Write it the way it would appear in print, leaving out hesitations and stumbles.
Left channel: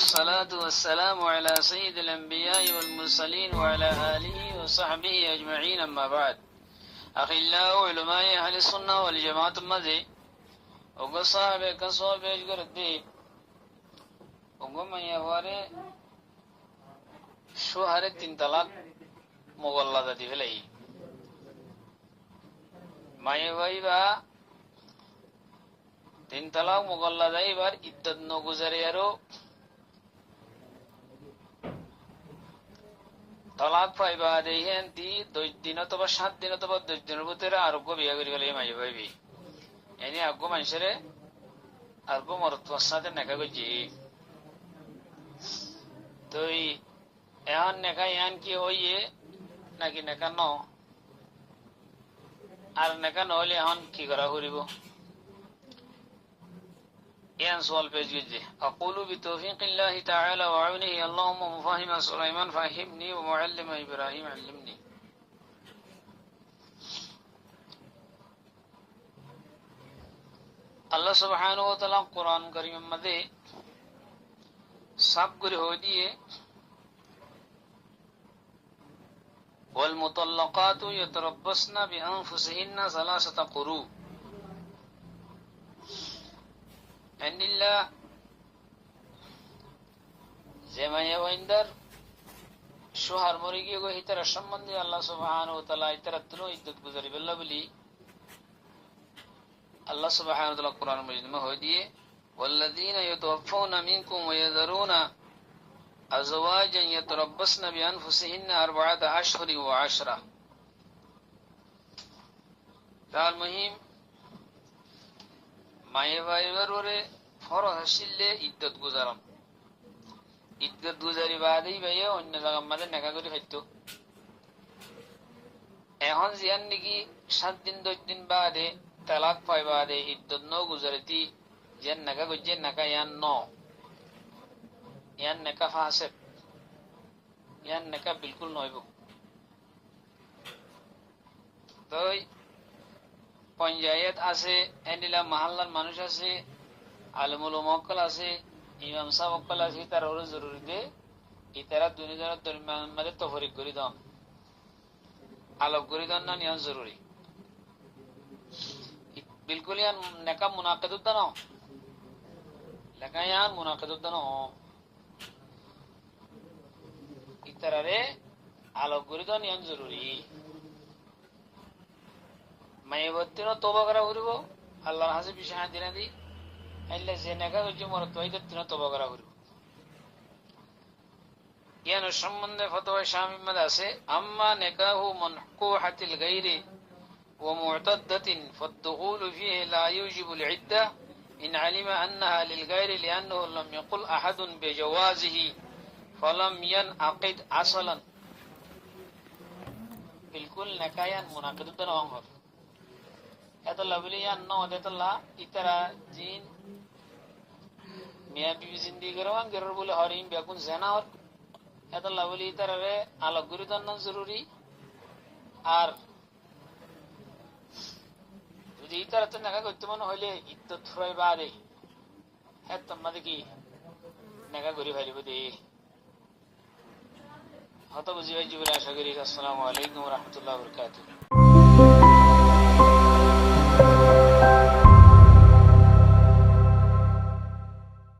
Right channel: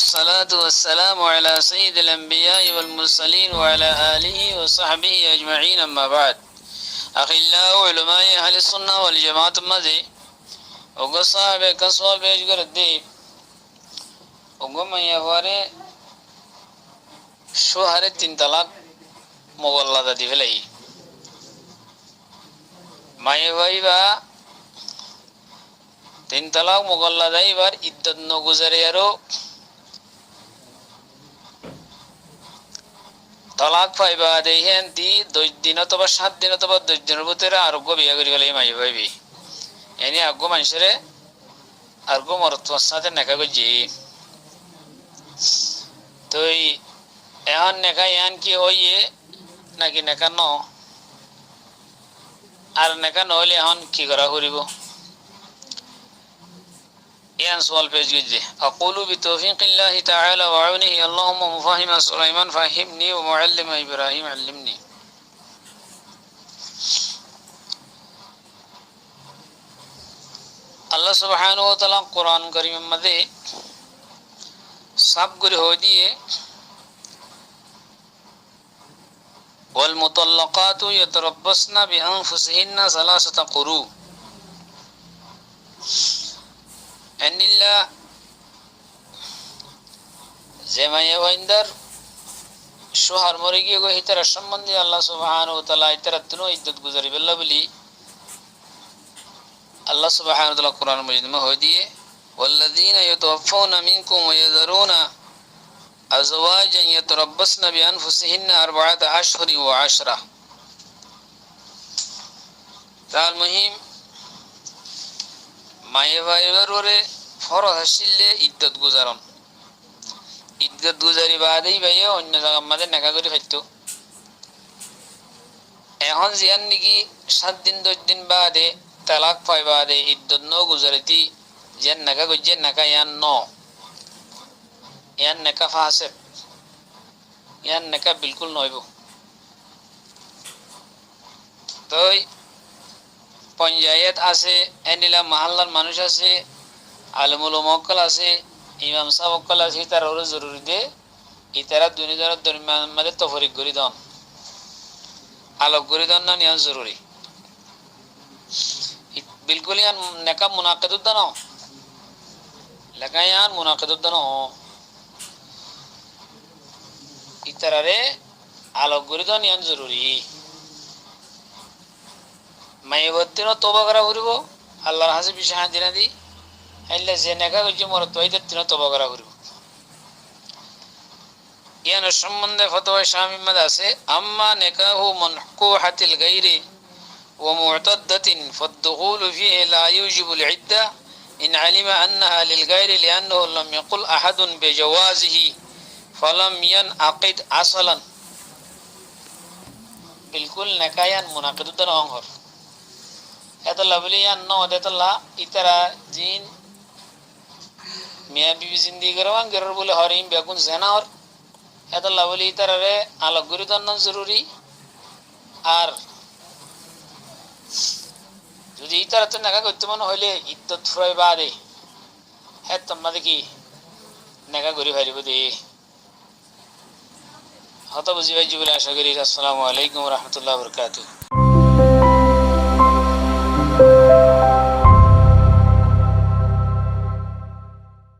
والصلاة والسلام على سيد الأنبياء والمرسلين وعلى آله وصحبه أجمعين أما بعد أخلاء علماء أهل السنة والجماعة مذي وقصاب كسوة بيجغر الديب وقم يفاري شهر التنطلاق مغلظة دي فلي ما يفايبا তিনতালাক মুগল্লাদা এবার ইদ্দত নগুজারিয়ারও তালাক পাইবা দেখেন 10 দিন অথবা 7 দিন অথবা 10 দিনের ভিতরে আরোগ্য বিয়া করি গেলে মাই পাইবি এনে আগ্য মানুষেরে আরোগ্য মরত্বর সাথে নেকা করছি তো এখন নেকা ইয়ান কি হইয়ে নাকি নেকা ন আর নেকা নহলে এখন কি করা করিব يان سؤال بيجي أقول بتوفيق الله تعالى وعونه اللهم مفهم سليمان فهمني ومعلم إبراهيم علمني الله سبحانه وتعالى قرآن كريم مدي سب گره هوديه والمطلقات يتربصن بأنفسهن 3 قروء أنيلا زما يويندر شهر مريجي کو هتر شمندي الله سبحانه وتعالى اترتنو عدت گزاري بالله بلي الله سبحانه وتعالى قرآن مجيد ما هدي والذين يتوفون منكم ويذرون أزواجا يتربصن بأنفسهن 4 أشهر و10 المهم মায়ে ভাইবারে ফরজ আসলে ইদ্দত গুজারন ইদ্দত গুজারি বাদেই ভাইয়া অন্য জায়গা মাঝে নেকা করে খাইতো এখন জিয়ান নাকি 7 দিন 10 দিন বাদে তালাক পাই বাদে ইদ্দত ন গুজারিতি জিয়ান নেকা গজে নেকা ইয়ান নেকা ফাসেক ইয়ান নেকা বিলকুল নইব তো পঞ্চায়েত আছে এনিলা মহল্লার মানুষ আছে আলেমুল মক্কল আছে ইমাম সাহেব মক্কল আছে তার ওর জরুরি দে ইতারা দুনিয়ার দরমিয়ান মধ্যে তফরিক করি দন আলোক করি দন না নিয়ান জরুরি বিলকুল ইয়ান নেকা মুনাকিদুদ দানো লাগায়ান মুনাকিদুদ দানো ইতারারে আলোক করি দন নিয়ান জরুরি মাইবত্তিনো তওবা করা করিব আল্লাহর হাসে বিশাহ দিনা দি আইলা যে নেকা কইছে মর তওইদত্তিনো তওবা করা করিব ইয়ান সম্বন্ধে ফতোয়া শামী মধ্যে আছে আম্মা নিকাহু মানকুহাতিল গায়রি ওয়া মু'তাদ্দাতিন ফাদ-দুখুল ফীহি লা ইউজিবুল ইদ্দা ইন আলিমা আন্নাহা লিল গায়রি লিআন্নাহু লাম ইয়াকুল আহাদুন বিজাওয়াজিহি ফালাম ইয়ানআকিদ আসলান বিলকুল নেকায়ান মুনাকিদুদ্দান অংহর এতলা বলিয়ান ন দেতলা ইতারা জিন মিয়া বিবি জিন্দেগি করবান গরর বলে হরিম বেগুন জেনার এতলা বলি ইতারারে আলোক গুরিদন জরুরি আর যদি ইতারাতে নেকা করতে মনে হইলে ইদ্দত ফুরাই বাদে হ্যাঁ তোমরা দেখি নেকা করি ফারিব দে হত বুঝি ভাই জীবনে আশা করি আসসালামু আলাইকুম ওয়া রাহমাতুল্লাহি ওয়া বারাকাতুহু